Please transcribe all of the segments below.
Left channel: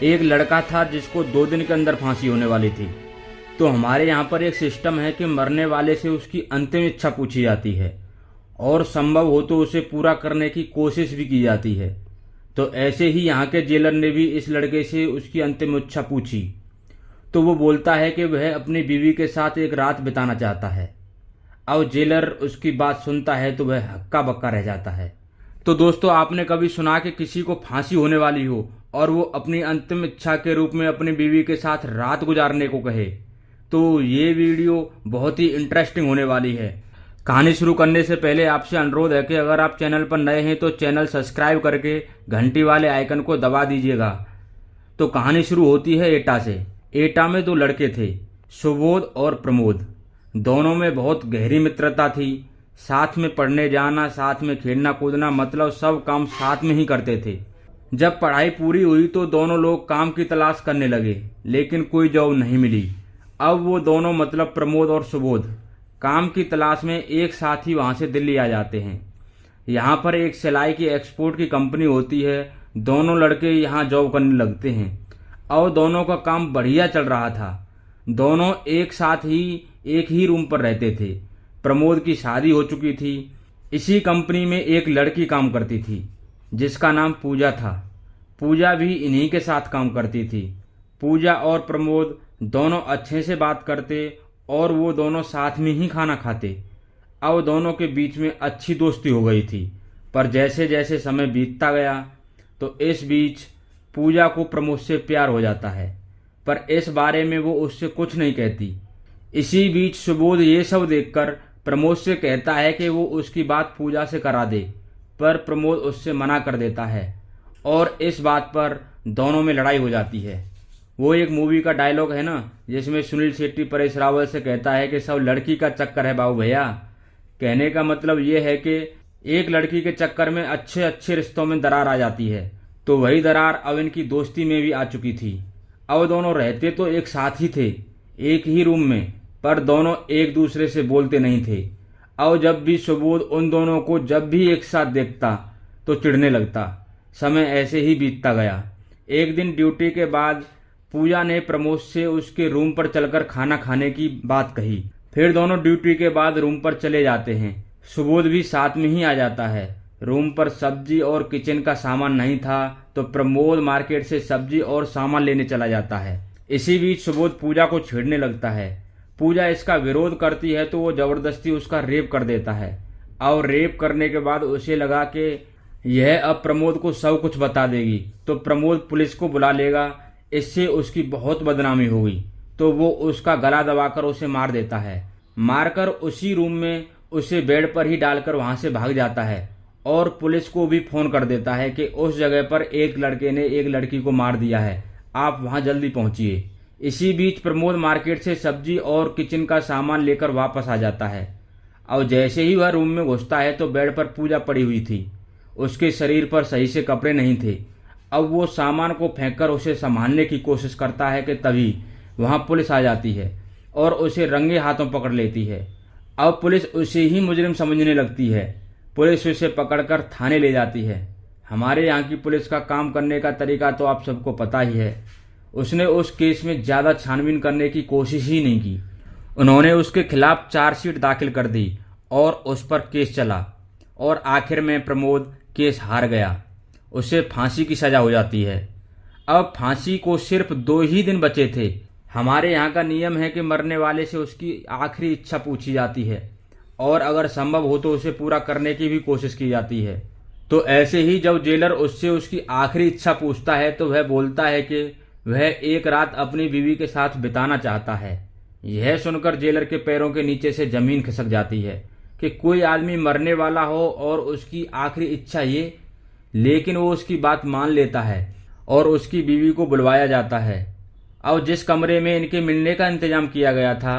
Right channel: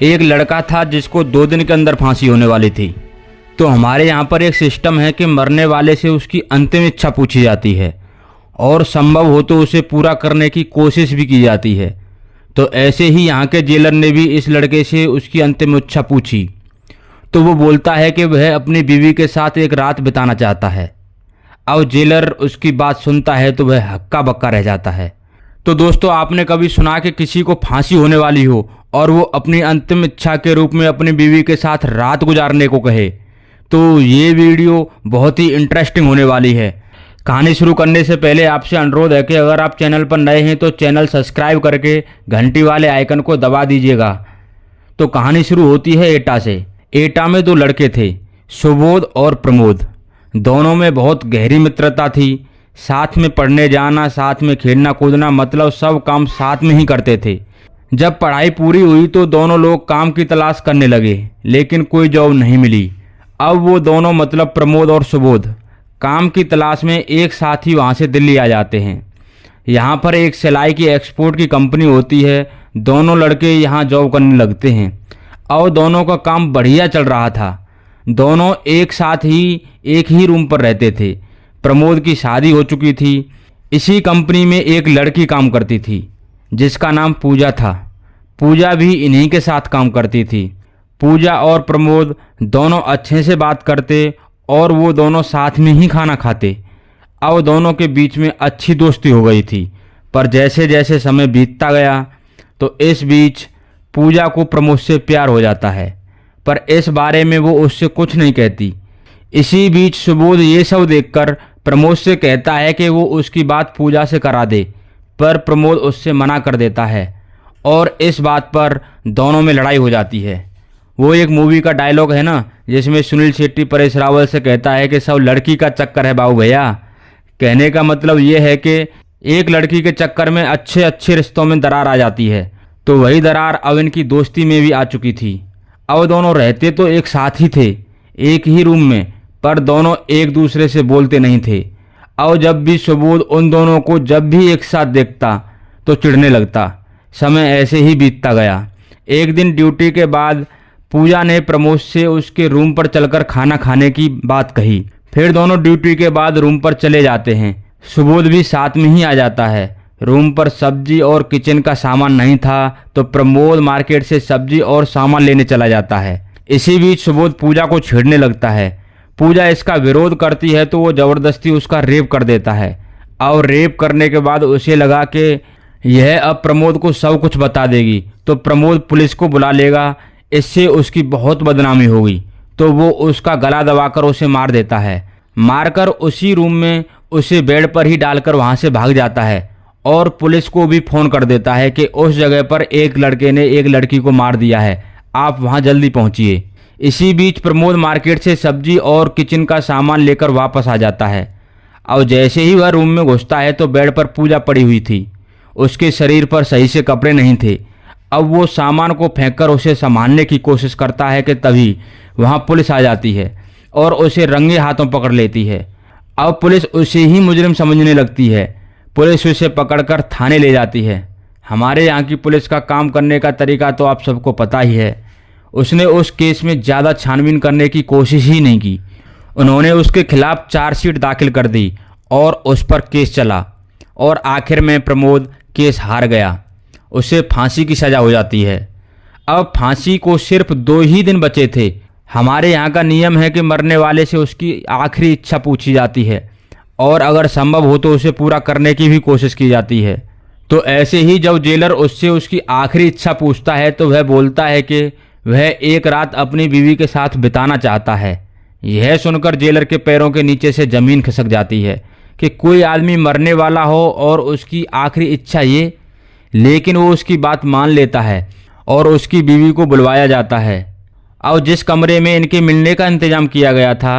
एक लड़का था जिसको 2 दिन के अंदर फांसी होने वाली थी। तो हमारे यहाँ पर एक सिस्टम है कि मरने वाले से उसकी अंतिम इच्छा पूछी जाती है और संभव हो तो उसे पूरा करने की कोशिश भी की जाती है। तो ऐसे ही यहाँ के जेलर ने भी इस लड़के से उसकी अंतिम इच्छा पूछी। तो वो बोलता है कि वह अपनी बीवी के साथ एक रात बिताना चाहता है। अब जेलर उसकी बात सुनता है तो वह हक्का बक्का रह जाता है। तो दोस्तों, आपने कभी सुना कि किसी को फांसी होने वाली हो और वो अपनी अंतिम इच्छा के रूप में अपनी बीवी के साथ रात गुजारने को कहे? तो ये वीडियो बहुत ही इंटरेस्टिंग होने वाली है। कहानी शुरू करने से पहले आपसे अनुरोध है कि अगर आप चैनल पर नए हैं तो चैनल सब्सक्राइब करके घंटी वाले आइकन को दबा दीजिएगा। तो कहानी शुरू होती है एटा से। एटा में 2 लड़के थे, सुबोध और प्रमोद। दोनों में बहुत गहरी मित्रता थी। साथ में पढ़ने जाना, साथ में खेलना कूदना, मतलब सब काम साथ में ही करते थे। जब पढ़ाई पूरी हुई तो दोनों लोग काम की तलाश करने लगे, लेकिन कोई जॉब नहीं मिली। अब वो दोनों, मतलब प्रमोद और सुबोध, काम की तलाश में एक साथ ही वहाँ से दिल्ली आ जाते हैं। यहाँ पर एक सिलाई की एक्सपोर्ट की कंपनी होती है। दोनों लड़के यहाँ जॉब करने लगते हैं और दोनों का काम बढ़िया चल रहा था। दोनों एक साथ ही एक ही रूम पर रहते थे। प्रमोद की शादी हो चुकी थी। इसी कंपनी में एक लड़की काम करती थी जिसका नाम पूजा था। पूजा भी इन्हीं के साथ काम करती थी। पूजा और प्रमोद दोनों अच्छे से बात करते और वो दोनों साथ में ही खाना खाते। अब दोनों के बीच में अच्छी दोस्ती हो गई थी। पर जैसे जैसे समय बीतता गया तो इस बीच पूजा को प्रमोद से प्यार हो जाता है, पर इस बारे में वो उससे कुछ नहीं कहती। इसी बीच सुबोध ये सब देखकर प्रमोद से कहता है कि वो उसकी बात पूजा से करा दे, पर प्रमोद उससे मना कर देता है और इस बात पर दोनों में लड़ाई हो जाती है। वो एक मूवी का डायलॉग है ना, जिसमें सुनील शेट्टी परेश रावल से कहता है कि सब लड़की का चक्कर है बाबू भैया। कहने का मतलब ये है कि एक लड़की के चक्कर में अच्छे अच्छे रिश्तों में दरार आ जाती है। तो वही दरार अब इनकी दोस्ती में भी आ चुकी थी। अब दोनों रहते तो एक साथ ही थे, एक ही रूम में, पर दोनों एक दूसरे से बोलते नहीं थे। अब जब भी सुबोध उन दोनों को जब भी एक साथ देखता तो चिढ़ने लगता। समय ऐसे ही बीतता गया। एक दिन ड्यूटी के बाद पूजा ने प्रमोद से उसके रूम पर चलकर खाना खाने की बात कही। फिर दोनों ड्यूटी के बाद रूम पर चले जाते हैं। सुबोध भी साथ में ही आ जाता है। रूम पर सब्जी और किचन का सामान नहीं था तो प्रमोद मार्केट से सब्जी और सामान लेने चला जाता है। इसी बीच सुबोध पूजा को छेड़ने लगता है। पूजा इसका विरोध करती है तो वो ज़बरदस्ती उसका रेप कर देता है और रेप करने के बाद उसे लगा कि यह अब प्रमोद को सब कुछ बता देगी तो प्रमोद पुलिस को बुला लेगा, इससे उसकी बहुत बदनामी होगी। तो वो उसका गला दबाकर उसे मार देता है। मारकर उसी रूम में उसे बेड पर ही डालकर वहाँ से भाग जाता है और पुलिस को भी फ़ोन कर देता है कि उस जगह पर एक लड़के ने एक लड़की को मार दिया है, आप वहाँ जल्दी पहुँचिए। इसी बीच प्रमोद मार्केट से सब्जी और किचन का सामान लेकर वापस आ जाता है। और जैसे ही वह रूम में घुसता है तो बेड पर पूजा पड़ी हुई थी। उसके शरीर पर सही से कपड़े नहीं थे। अब वो सामान को फेंककर उसे संभालने की कोशिश करता है कि तभी वहाँ पुलिस आ जाती है और उसे रंगे हाथों पकड़ लेती है। अब पुलिस उसे ही मुजरिम समझने लगती है। पुलिस उसे पकड़कर थाने ले जाती है। हमारे यहाँ की पुलिस का काम करने का तरीका तो आप सबको पता ही है। उसने उस केस में ज़्यादा छानबीन करने की कोशिश ही नहीं की। उन्होंने उसके खिलाफ चार्जशीट दाखिल कर दी और उस पर केस चला और आखिर में प्रमोद केस हार गया। उसे फांसी की सज़ा हो जाती है। अब फांसी को सिर्फ 2 ही दिन बचे थे। हमारे यहाँ का नियम है कि मरने वाले से उसकी आखिरी इच्छा पूछी जाती है और अगर संभव हो तो उसे पूरा करने की भी कोशिश की जाती है। तो ऐसे ही जब जेलर उससे उसकी आखिरी इच्छा पूछता है तो वह बोलता है कि वह एक रात अपनी बीवी के साथ बिताना चाहता है। यह सुनकर जेलर के पैरों के नीचे से ज़मीन खिसक जाती है कि कोई आदमी मरने वाला हो और उसकी आखिरी इच्छा ये। लेकिन वो उसकी बात मान लेता है और उसकी बीवी को बुलवाया जाता है। और जिस कमरे में इनके मिलने का इंतजाम किया गया था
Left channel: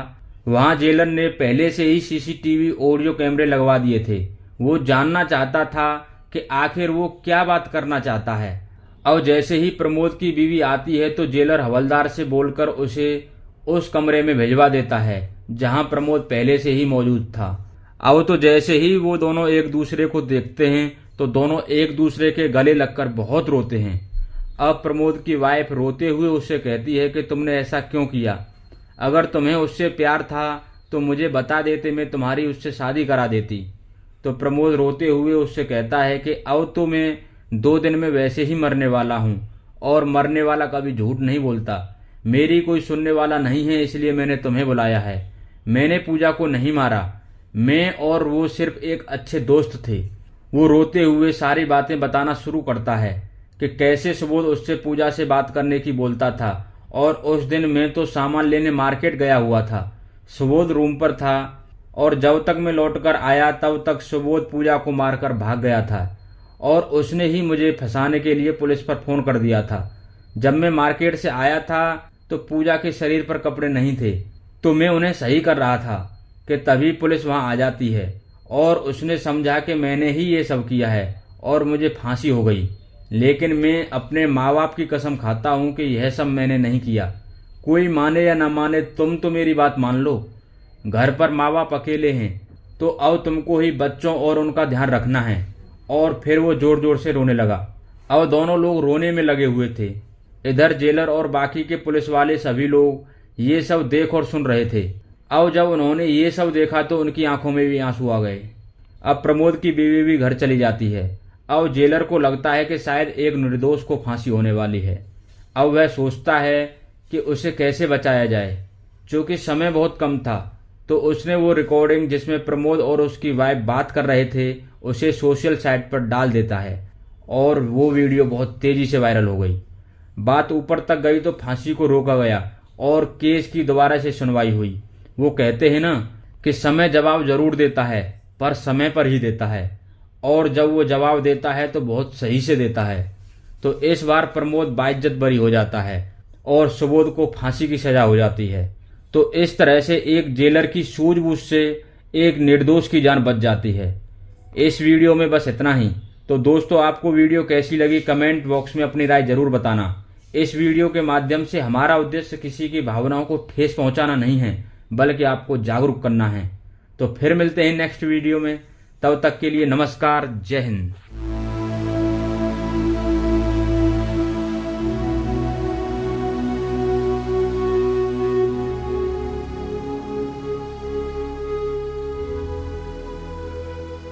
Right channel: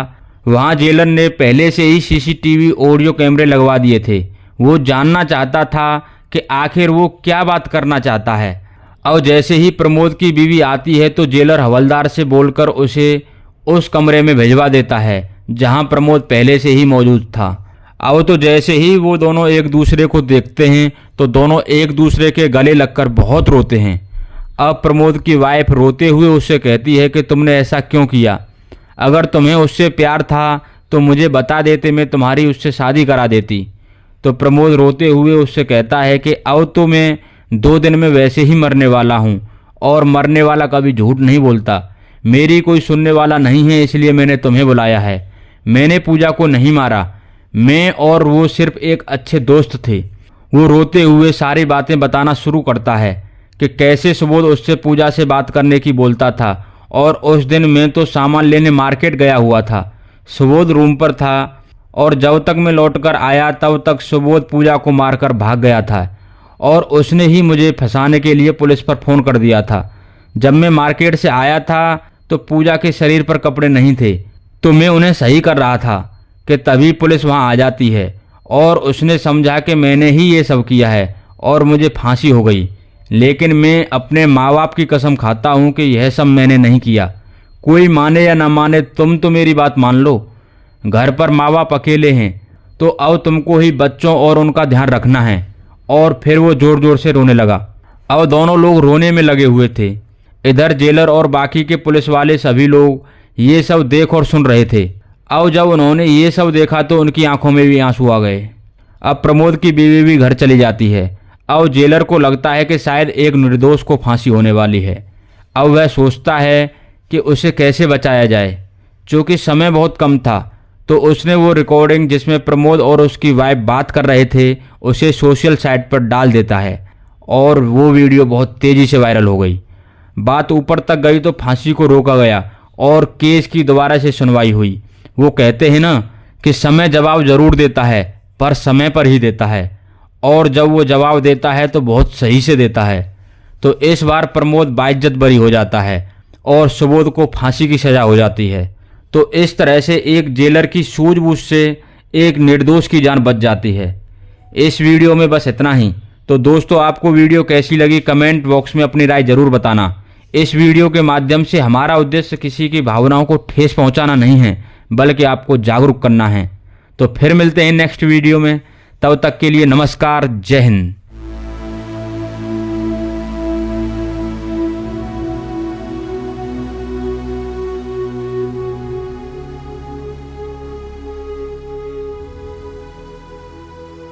वहाँ जेलर ने पहले से ही सीसीटीवी ऑडियो कैमरे लगवा दिए थे। वो जानना चाहता था कि आखिर वो क्या बात करना चाहता है। और जैसे ही प्रमोद की बीवी आती है तो जेलर हवलदार से बोलकर उसे उस कमरे में भिजवा देता है जहाँ प्रमोद पहले से ही मौजूद था। अब तो जैसे ही वो दोनों एक दूसरे को देखते हैं तो दोनों एक दूसरे के गले लगकर बहुत रोते हैं। अब प्रमोद की वाइफ रोते हुए उससे कहती है कि तुमने ऐसा क्यों किया? अगर तुम्हें उससे प्यार था तो मुझे बता देते, मैं तुम्हारी उससे शादी करा देती। तो प्रमोद रोते हुए उससे कहता है कि अब तो मैं 2 दिन में वैसे ही मरने वाला हूँ, और मरने वाला कभी झूठ नहीं बोलता। मेरी कोई सुनने वाला नहीं है, इसलिए मैंने तुम्हें बुलाया है। मैंने पूजा को नहीं मारा, मैं और वो सिर्फ एक अच्छे दोस्त थे। वो रोते हुए सारी बातें बताना शुरू करता है कि कैसे सुबोध उससे पूजा से बात करने की बोलता था, और उस दिन मैं तो सामान लेने मार्केट गया हुआ था। सुबोध रूम पर था और जब तक मैं लौटकर आया तब तक सुबोध पूजा को मारकर भाग गया था, और उसने ही मुझे फंसाने के लिए पुलिस पर फ़ोन कर दिया था। जब मैं मार्केट से आया था तो पूजा के शरीर पर कपड़े नहीं थे, तो मैं उन्हें सही कर रहा था कि तभी पुलिस वहां आ जाती है, और उसने समझा कि मैंने ही ये सब किया है और मुझे फांसी हो गई। लेकिन मैं अपने माँ बाप की कसम खाता हूँ कि यह सब मैंने नहीं किया। कोई माने या न माने, तुम तो मेरी बात मान लो। घर पर माँ बाप अकेले हैं, तो अब तुमको ही बच्चों और उनका ध्यान रखना है। और फिर वो जोर जोर से रोने लगा। अब दोनों लोग रोने में लगे हुए थे। इधर जेलर और बाकी के पुलिस वाले सभी लोग ये सब देख और सुन रहे थे। अब जब उन्होंने ये सब देखा तो उनकी आंखों में भी आंसू आ गए। अब प्रमोद की बीवी भी घर चली जाती है। अब जेलर को लगता है कि शायद एक निर्दोष को फांसी होने वाली है। अब वह सोचता है कि उसे कैसे बचाया जाए। चूँकि समय बहुत कम था, तो उसने वो रिकॉर्डिंग जिसमें प्रमोद और उसकी वाइफ बात कर रहे थे उसे सोशल साइट पर डाल देता है, और वो वीडियो बहुत तेज़ी से वायरल हो गई। बात ऊपर तक गई तो फांसी को रोका गया और केस की दोबारा से सुनवाई हुई। वो कहते हैं ना कि समय जवाब जरूर देता है, पर समय पर ही देता है, और जब वो जवाब देता है तो बहुत सही से देता है। तो इस बार प्रमोद बाइज्जत बरी हो जाता है और सुबोध को फांसी की सज़ा हो जाती है। तो इस तरह से एक जेलर की सूझबूझ से एक निर्दोष की जान बच जाती है। इस वीडियो में बस इतना ही। तो दोस्तों, आपको वीडियो कैसी लगी कमेंट बॉक्स में अपनी राय जरूर बताना। इस वीडियो के माध्यम से हमारा उद्देश्य किसी की भावनाओं को ठेस पहुंचाना नहीं है, बल्कि आपको जागरूक करना है। तो फिर मिलते हैं नेक्स्ट वीडियो में। तब तक के लिए नमस्कार, जय हिंद।